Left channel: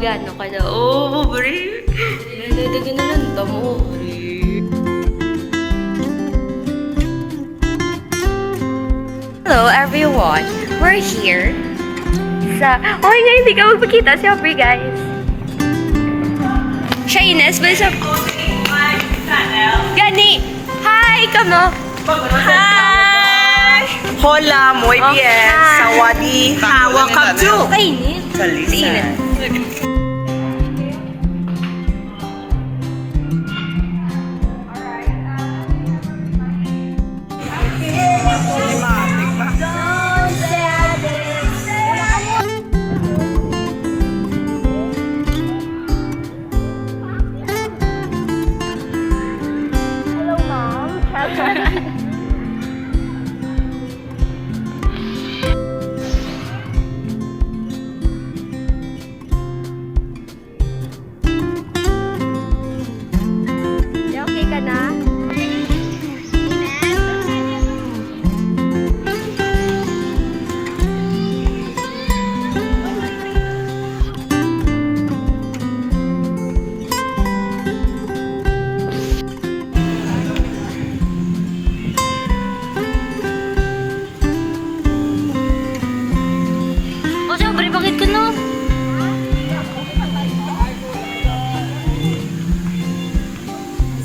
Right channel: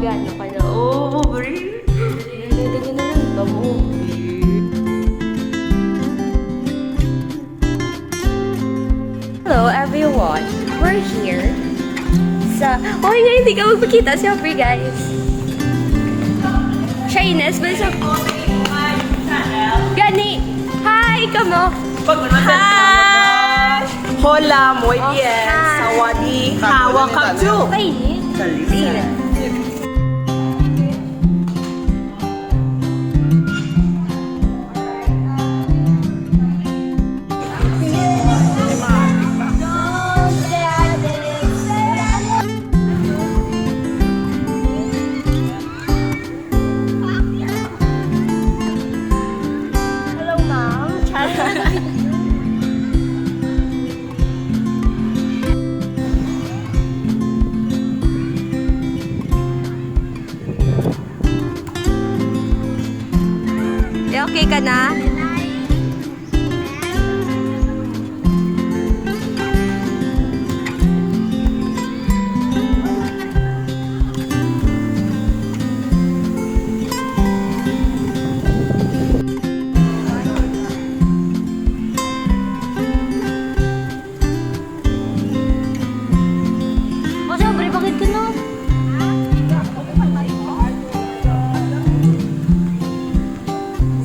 Piano ka na. Oh, bari. Naladagan na lang tamo. Hello, everyone. We're here sa... Oh, yeah, hindi ka magpakita. Siyempre, guys. Shyness, ba siya? Gani! Hi! Kamo! Hi! Hola, muy bien. Sawadee. Welcome to Kainit. Kainit. Hello, ma'am. Okay ka na? Oh, syempre, bakit ka na?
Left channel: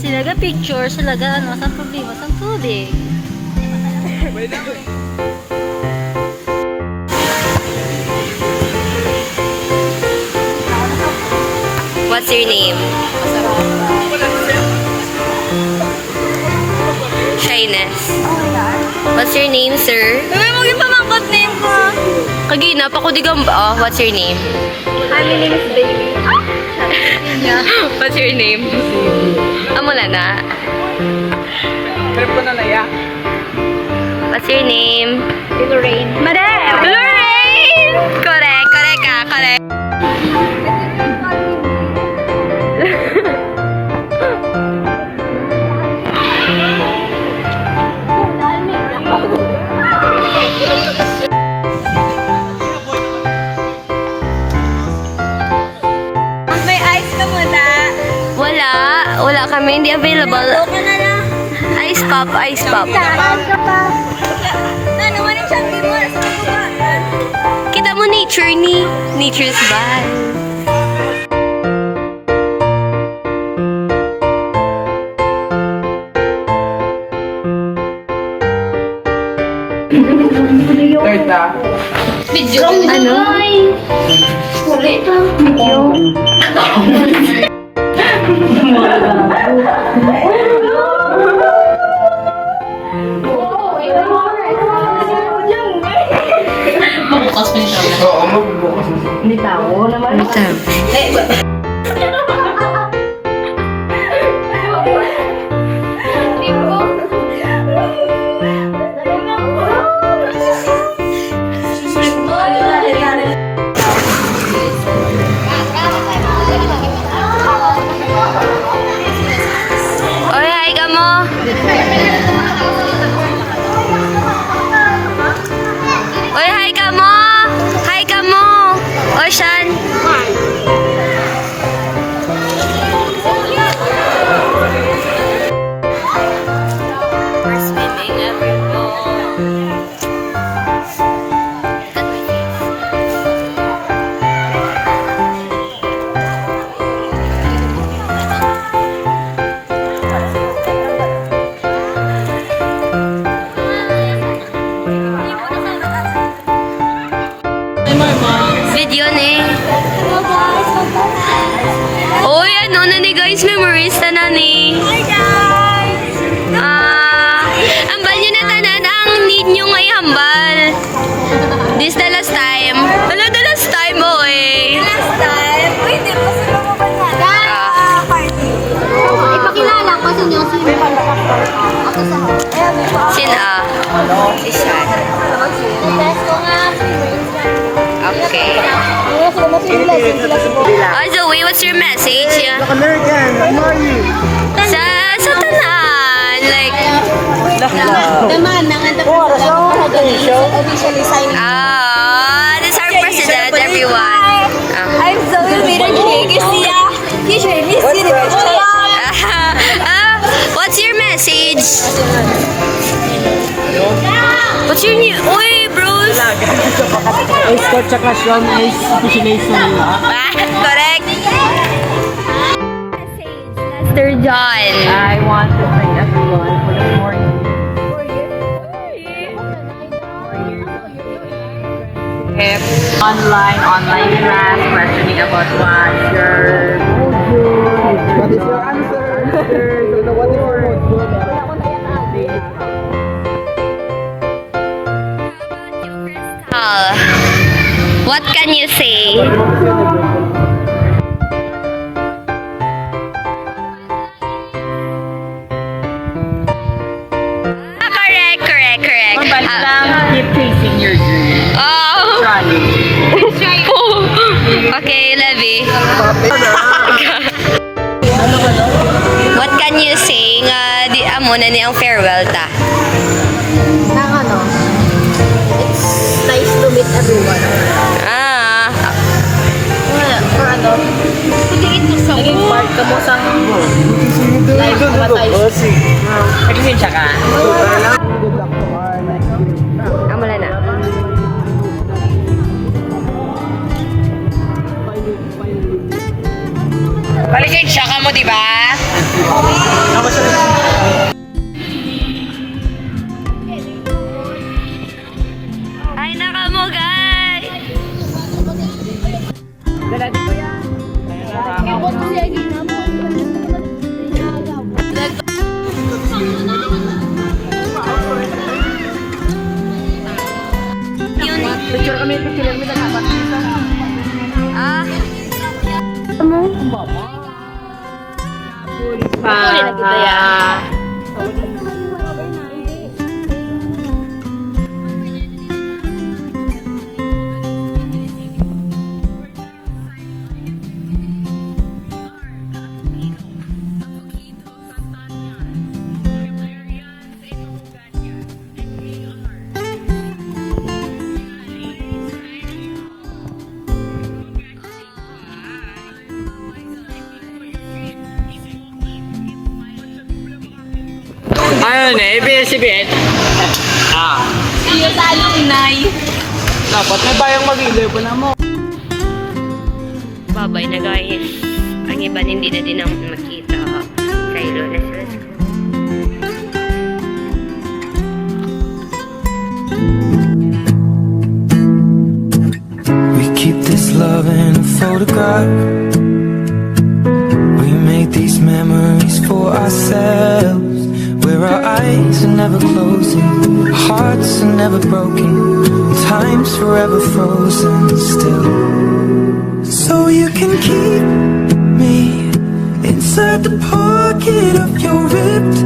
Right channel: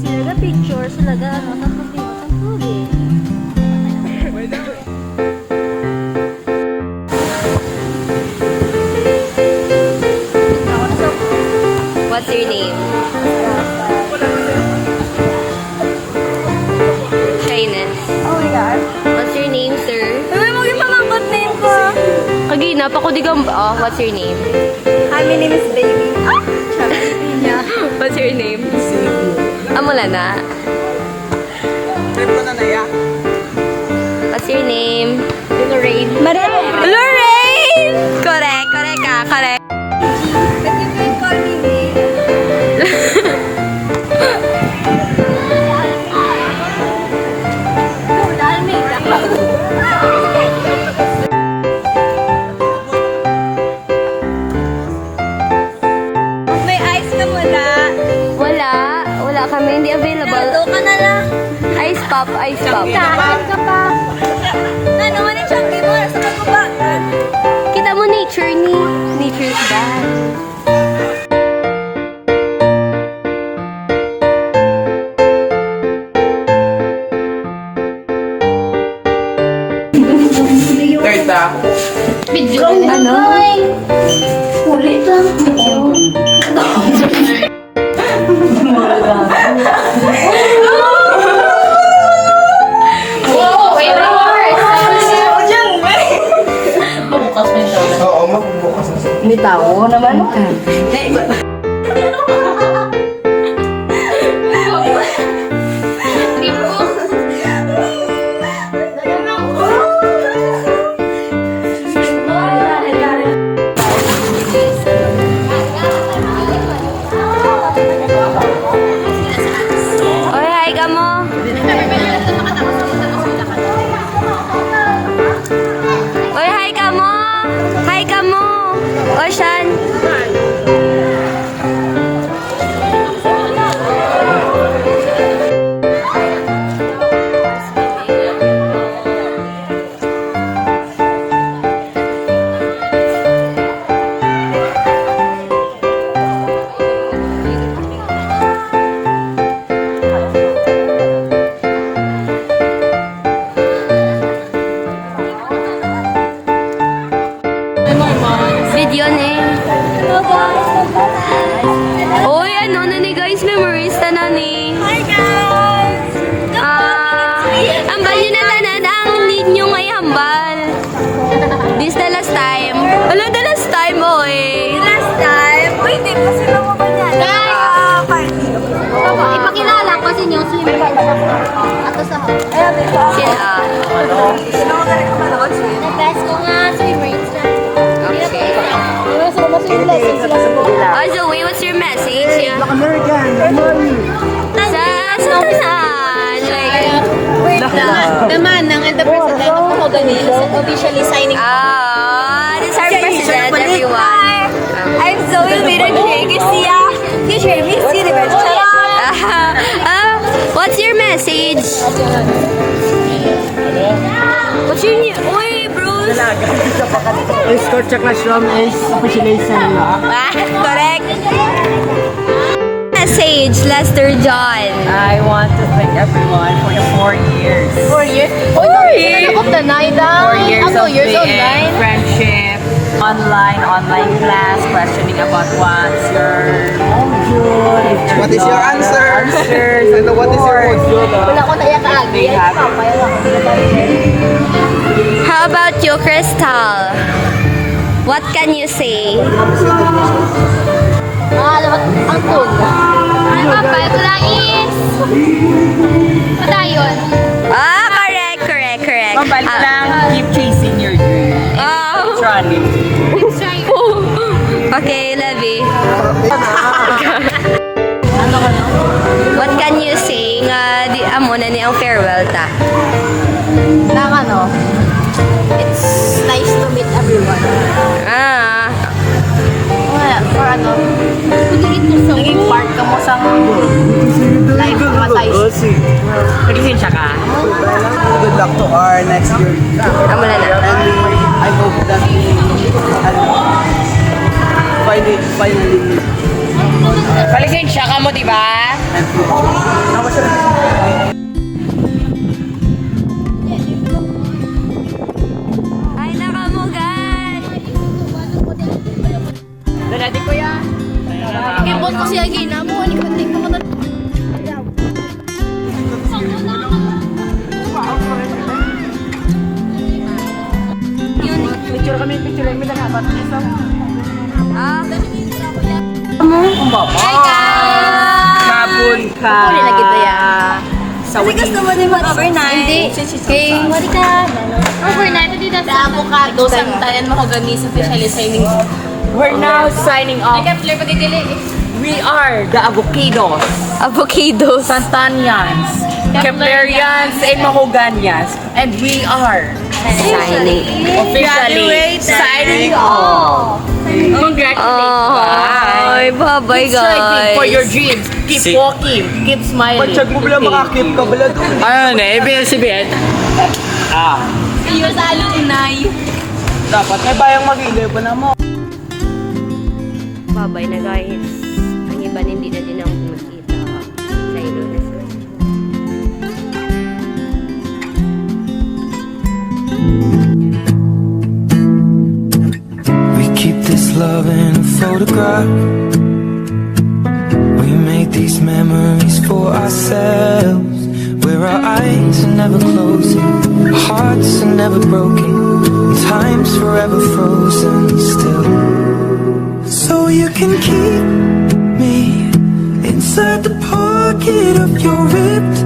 Silaga picture, silaga ano, sa problema, sa tubig. What's your name? Shyness. What's your name, sir? Kagina, pakudigam ba? What's your name? Hi, my name is Baby. What's your name? Amula na. What's your name? Lorraine. Madam! Lorraine! Correct, correct ka, correct. May ice ka muna. Wala kami, hindi available. Ka na na. Ice pop, ice pop. Saan ka pa? Na naman yung siyang mo. Sa pagkaba. Kita mo nature ni Nature's bad. Video. Ano? Video. Bitaw naman. Oy, hi ka mo. Oy, hi ka mo. Hi ka mo. Ocean. We're swimming, everyone. Video ni. Oy, ano na ni guys, memorista na ni. Hi guys! Ambal nyo na tanan ang need nyo ngay hambal. This the last time. Hello, the last time, oy. Last time, uy, di pa sila mo ba yan? Party. Ipakilala ko sa inyo si ako sa Sina? Best ko nga swimmers. Okay. Wala sila mo sila lesson sila sa buhay. Oh, Zoe, what's your message? Sa tanan. Like, The man ng officially signing. this is our president, everyone. I'm Zoe What's your new... Uy, Bruce! Escort tsaka Shrom is specialized na nila. Ah, correct. Sage, Lester John. I want to thank everyone for 4 years. 4 years? Oh, 4 years? Ako, tanay daw. 4 years Ako, of years being online. friendship, online class, questioning about What is your answer? answers, And what is your mood? Wala ko naiyak ka agi. They have- How about you, Crystal? What can you say? Alam mo, ang tun. Ang kapal ko lang is... Patayon. Ah, correct. Mabalik Ah, lang, keep chasing your dream. oh. Trolley. Okay, Levi. What can you say nga di amo na ni ang farewell ta? Nang ano, it's nice to meet everyone. Ah, Or ano, piliin mo sa part ka mo sa Hamburg. Like, matay. Naglisensya ka? Good luck to our next year. amo na na. I hope that finally. Palisensya ka mo, di ba? Ay, nakamugay! Dalati ko yan. Ibon ko siya gina mo. Yun. Picture kami nagkabat dito. Ah. Kapon ka. Huli na kita yan. Sa wedding. Overnight. Hindi. Okay. Overnight. Hindi na sa avocado. Santayan mo ko gani sa officially signing. We're now signing off. We are the Avocados, Avocados. Santanians, Keplerians, and Mahoganyas. And we are Signing. officially signing off. Congratulations. Ay, bye-bye, Striving for your guys. dreams. Keep walking. Keep smiling. Check mo bila makakip ka bila doon. Ano na, ABS-CBN? Ah. Iyo sa alumni. Dapat may bayang mag-ilaw pa na mo. Bye-bye na, guys. Ang iba hindi na din ako makita sa Ilones. We keep this love in a photograph. We make these memories for ourselves, where our eyes are never closing, our hearts are never broken, and time's forever frozen still. So you can keep me inside the pocket of your ripped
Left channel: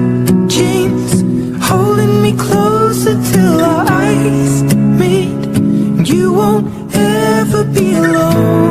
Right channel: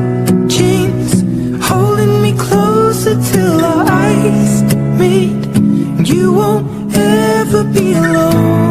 jeans, holding me closer till our eyes meet. You won't ever be alone.